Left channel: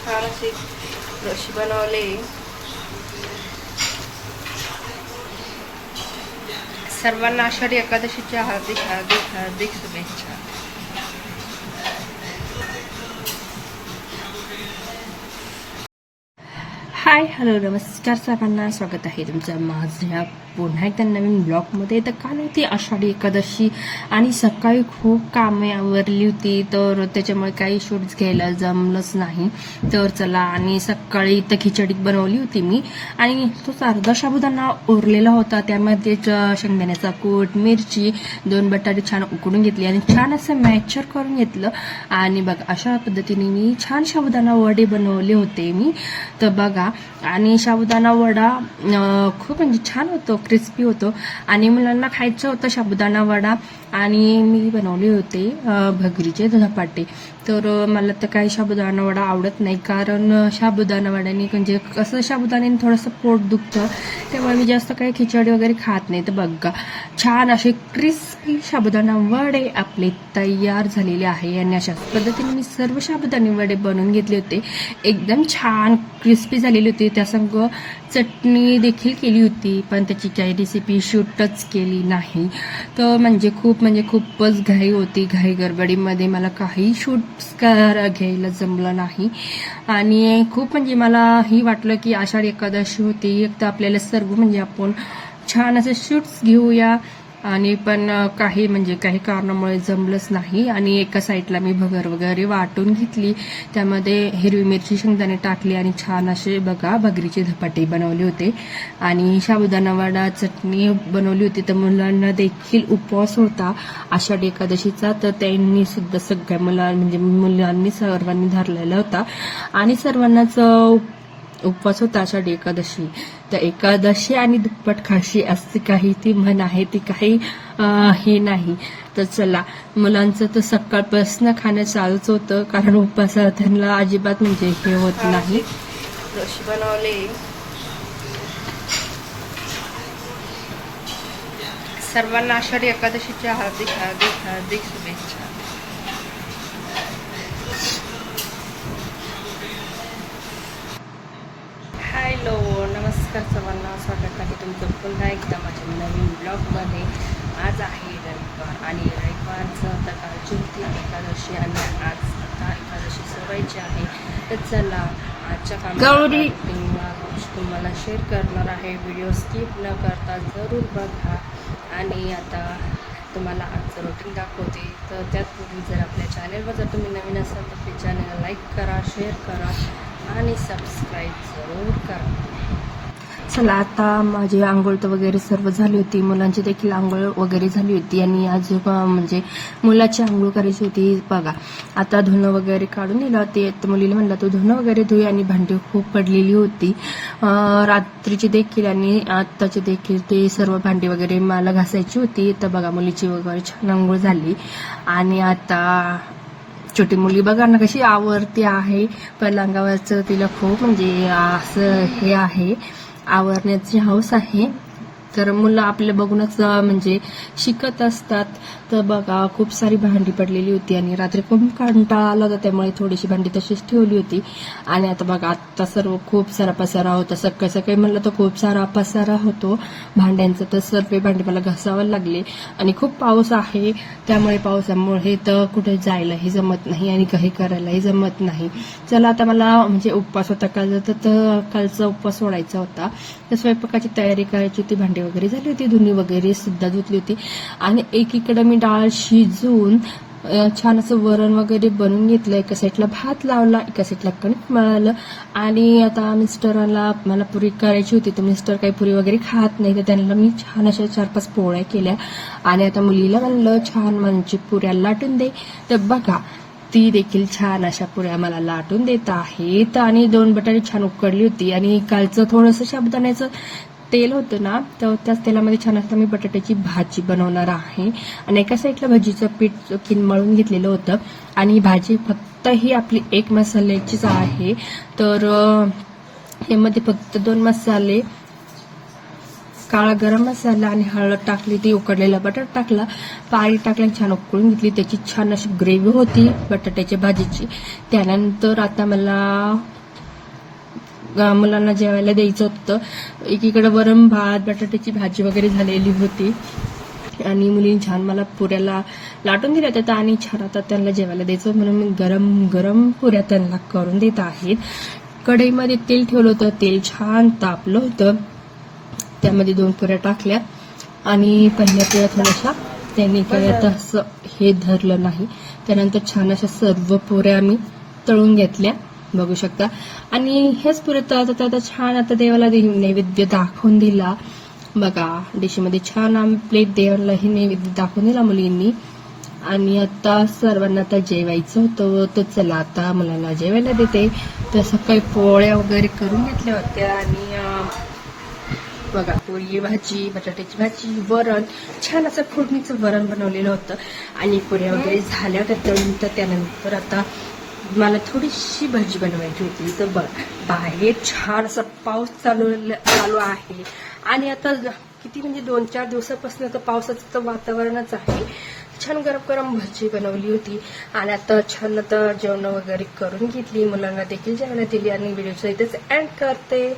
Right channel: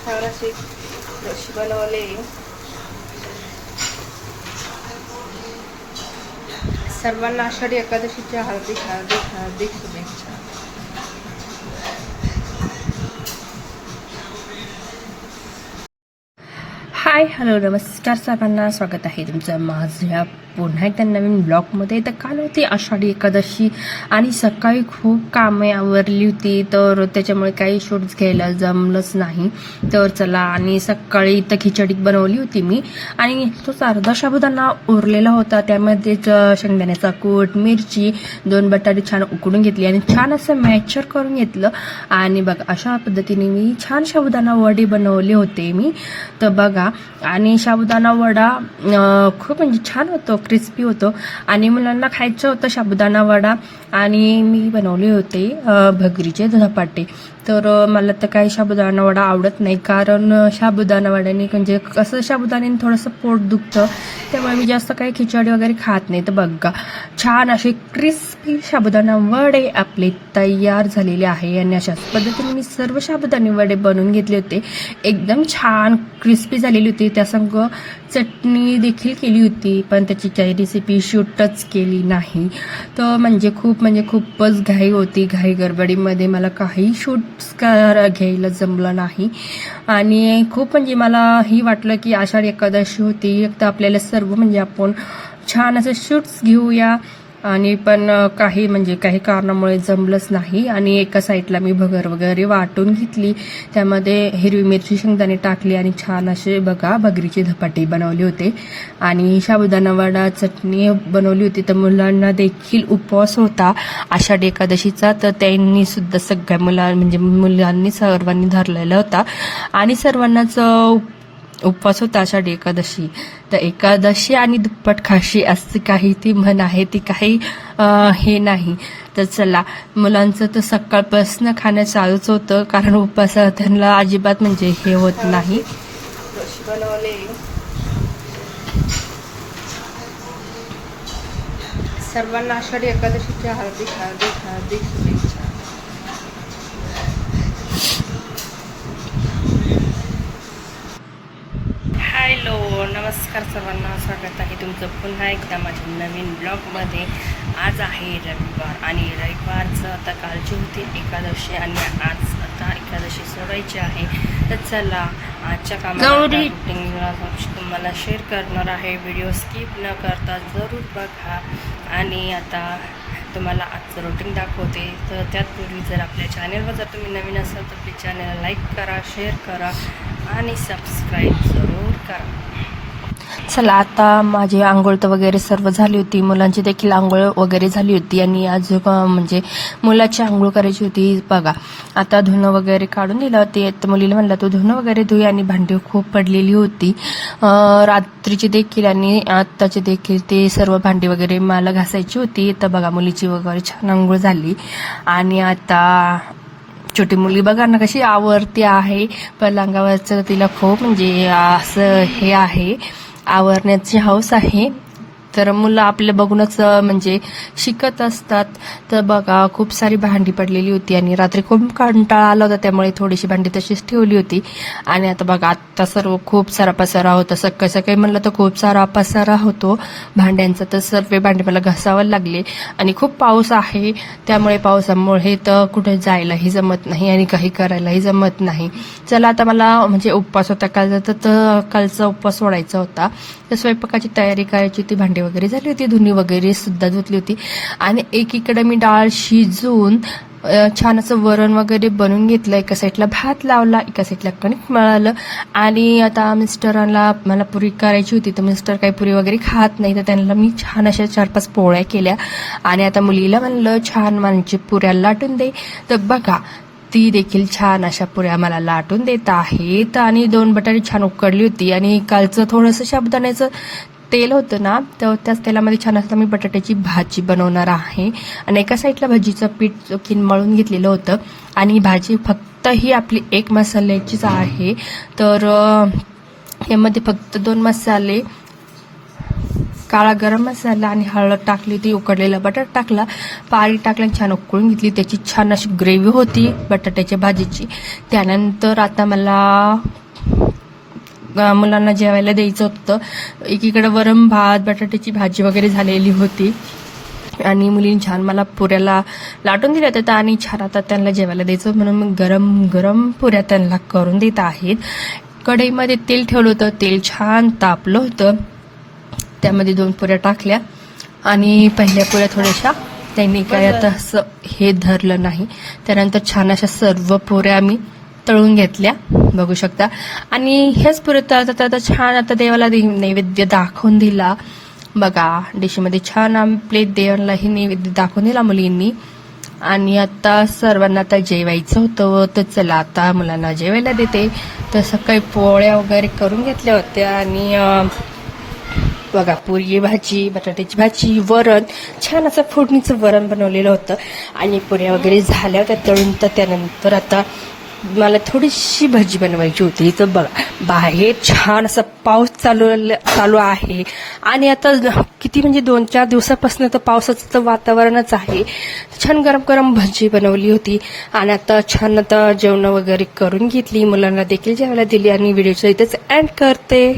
छान अशी रशी बनवले। सर्वांना आषाढी एकादशीच्या हार्दिक हार्दिक हार्दिक शुभेच्छा। हाय हॅलो नमस्कार सर्वांना, स्वागत आहे तुमचं माझ्या पुन्हा एकदा नवीन ब्लॉगमध्ये। तर काल होती आषाढी एकादशी आणि सकाळी खूप कामे आवरली होती, तर त्याच्यामुळे काही शूट्स घ्यायला जमलंच नाही। तर चला, आणि सकाळी इथं खिचडी बनवली होती मी, आणि तोच अर्धा साबुदाणा उरलेला होता, त्यामध्येच शेंगदाण्याचा कूट, मिरची, 2 बटाटे छान उकडून घेतली आणि छान असं मॅचर करून घेतलं। आणि बघा अशा पद्धतीने मी छान साबुदाणा वडे बनवले होते मी। तर बघा, आणि साबुदाणा वडा खूप म्हणजे छान होतो, क्रिस्पी होतो, आणि मुलांना खायचं होतं साबुदाणा वडा, आणि मी बनवले होते भगरीचे धपाटे। तर मला तर काही साबुदाणा वडा आवडत नाही, कारण साबुदाणा वड्याने म्हणजे कसं साबुदाण्याने थोडंसं पोट दुखतं, त्यामुळे मी जास्त काही खिचडी वगैरे खात नाही। तर बघा छान असे क्रिस्पी साबुदाणा वडे आपले तयार झालेले आहे, आणि अशाच पद्धतीने मी सर्व साबुदाणे वडे बनवून घेतले होते। एकदम छान क्रिस्पी झालेली होती, त्यासंग चटणी देखील केली होती, पण त्याची काही रेसिपी शूटच केली नाही। तर म्हणजे खूपच घाई होती, घाई गडबडीमध्ये मला काही शूट्स घ्यायला जमलं नाही। आणि खूप म्हणजे मला ही वाटलं की आषाढी एकादशी होती, एक तर आपल्याला सर्व म्हणजे आपण छान असं शूट्स घेऊया, आणि पण काही कारणामुळे जमलंच नाही। आणि एका साईडला मी भगर वगैरे वाटून घेतली, त्यामध्ये हिरवी मिरची, शेंगदाणे टाकली, आणि छान असे बघा भगरीचे धपाटे बनवले होते, आणि साबुदाणा वडा चटणी बनवली होती। तर मुलांना देखील उपवास होता आषाढी एकादशीचा, तर त्यांनी सुद्धा सगळ्या मुलांनी सर्वांनी धरलेला होता, आणि सर्वांनाच उपवास होता आषाढी एकादशी। तर एकादशी आणि दुप्पट खाशी असं काही ती म्हण आहे, ती काही हे नाही। तर चला, मुलांचं तर सकाळपासून खाणं चालूच होतं, कारण उपवास त्यांना अजिबात म्हणजे हे होत नाही। रशी बनवले, सर्वांना आषाढी एकादशीच्या हार्दिक हार्दिक हार्दिक शुभेच्छा। हॅलो नमस्कार सर्वांना, स्वागत आहे तुमचं पुन्हा एकदा माझ्या नवीन ब्लॉगमध्ये। आज आहे रविवार, आणि रविवारचं आता कालची होती एकादशी, आणि आज आता एकादशी सोडायची आहे। तर चला, आजच्या कामाला तुम्हाला शेअर करणार आहे, व्हिडिओ स्किप न करता जरूर बघा। आणि आता तुम्हाला आजचं रुटीन दाखवते। तर त्यापूर्वी जर आपल्या चॅनलवर जर तुम्ही नवीन असाल तर प्लीज चॅनलला लाईक करा, शेअर करा, आणि सबस्क्राईब जरूर करा। चला, आता माझी आंघोळ तर वगैरे सर्व झाली होती, मुलांची देखील आंघोळ वगैरे झाली होती, आणि आज म्हणजे मुलाची आंघोळ करायची होती। बघा आता धुणं वगैरे काढून दिलं होते, तर मुलीला म्हणलं तू धुणं वगैरे धुई, आणि भांडी खूप पडलेली होती रात्रीची देखील आणि आत्ताची देखील, ते सर्व भांडी वगैरे मला घासायची होती। तर बघा मुलीची वगैरे छान आंघोळ झाली, आणि आता छोटी मुलगी बघा ना कशी आवरती आहे, पलंगावरचं तिला खूप म्हणजे असं हे आहे, आवरण्याची हौस आहे। तर मुलं आपल्या बघूनच म्हणजे शिकत असतात। तर बघा खूप सारी भांडी पडलेली होती, आणि रात्री खूप कंटाळा आला होता, त्यामुळे थोडीशी भांडी तशीच ठेवली होती। आणि आता बघा आता सर्व खूप सारा पसारा होता, सकाळी सकाळी म्हणलं तर खूप सारा पसारा होतो भांड्यांचा, तर सर्व भांडी मला घासावं लागले। आणि खूप पाऊस आहे, त्यामुळे पावसामुळे तर कुठे जायलाही जमत नाही, आणि काही करायलाही जमत नाही। चला, आता मला म्हणजे उपवास होता कालचा, तर कालचा उपवास सोडायचा होता, तर स्वयंपाकाची तयारी करायची होती, भांडी वगैरे झाली होती, धुणी वगैरे सुद्धा धुतली होती, आणि एकीकडे मी डाळ शिजवून छान असं वरण वगैरे बनवून घेतलं, एका साईडला भात लावला, एका साईडला कणिक मळालं। आणि आता मिस्टरांना मला पुरी करायची होती, तर मिस्टर काही पुरी वगैरे खात नाही, तर त्यांना मी छान अशा 4-5 पोळ्या केल्या, आणि आता मुलीला म्हणलं छान म्हणजे पुऱ्या लाटून दे। तर बघा ती देखील छान अशा पुऱ्या मला लाटून देत आहेत, आणि 2 बटाटे छान उकडली होती, आणि कालचं थोडंसं साबुदाण्याचं तेल होतं ना, तर त्याच तेलामध्ये छान असं मी बटाट्याची भाजी बनवणार आहे। आणि एका साईडला भाजीचं पीठ मळून घेतलेलं होतं, आणि भाजी फक्त ही आपली 1 मसाल्याचीच आहे। तर यामध्ये फक्त 2 मसाले काळा गरम मसाला आणि हळद टाकली, ती उकडलेलं बटाटा टाकला, पाणी टाकलं, छान उकळून घेतली. त्याची छान अशी ग्रेव्ही होती बटाट्याच्या भाजीची. त्यानंतर आता मुलांना जेवायला द्यायचं होतं. एकीकडे वरण भात, बटाट्याची भाजी वगैरे झालेली होती आणि मुलींनी छान मला पुऱ्याला लाटून दिल्या होत्या आणि छान आता त्यांना जेवायला द्यायचं म्हणून मी गरम गरम पुऱ्या त्यांना करून देत आहेत. कढईमध्ये तेल ठेवलं होतं, तेल छान तापलं होतं, त्यामध्ये 2 पुऱ्या टाकल्या आणि पहिल्या पुऱ्या थोड्याशा त्यांनी काय आता असं हे धरलं नाही. त्यानंतर छान अशा सर्व पुऱ्या आम्ही तळून घेतल्या, बघू शकता. आणि ह्याच पुऱ्या तळता आता छान आता देवाला नैवेद्य दाखवून दिला. बघा डिशमध्ये छान आम्ही प्लेट देवालाही नैवेद्य दाखवून दिला मुलींनी. आणि आता सर्वांना आता जेवायचं होतं, तर चला आता मुलांना जेवायला देते. तर सकाळी पोळ्या वगैरे करून घेतल्या होत्या आणि बघा पुरी भाजी, बटाट्याची भाजी, वरण, छान असं फोडणीचं वरण बनवलेलं होतं आणि पुऱ्या वगैरे झाल्या होत्या तळून. तर त्यानंतर आता मला थोडीशी भाजी बनवायची होती. तर बघा बाहेर छान असं पाऊस चालू आहे आणि आता किती म्हणजे 2-4 दिवसापासून तर पावसाचं तर वातावरणच आहे. छान गरम गरम भाजी बनवली होती आणि आता छान आता जेवण वगैरे करून घेतली, मुलांना देखील जेवायला दिली आणि व्हिडिओचं इथेच एंड करते.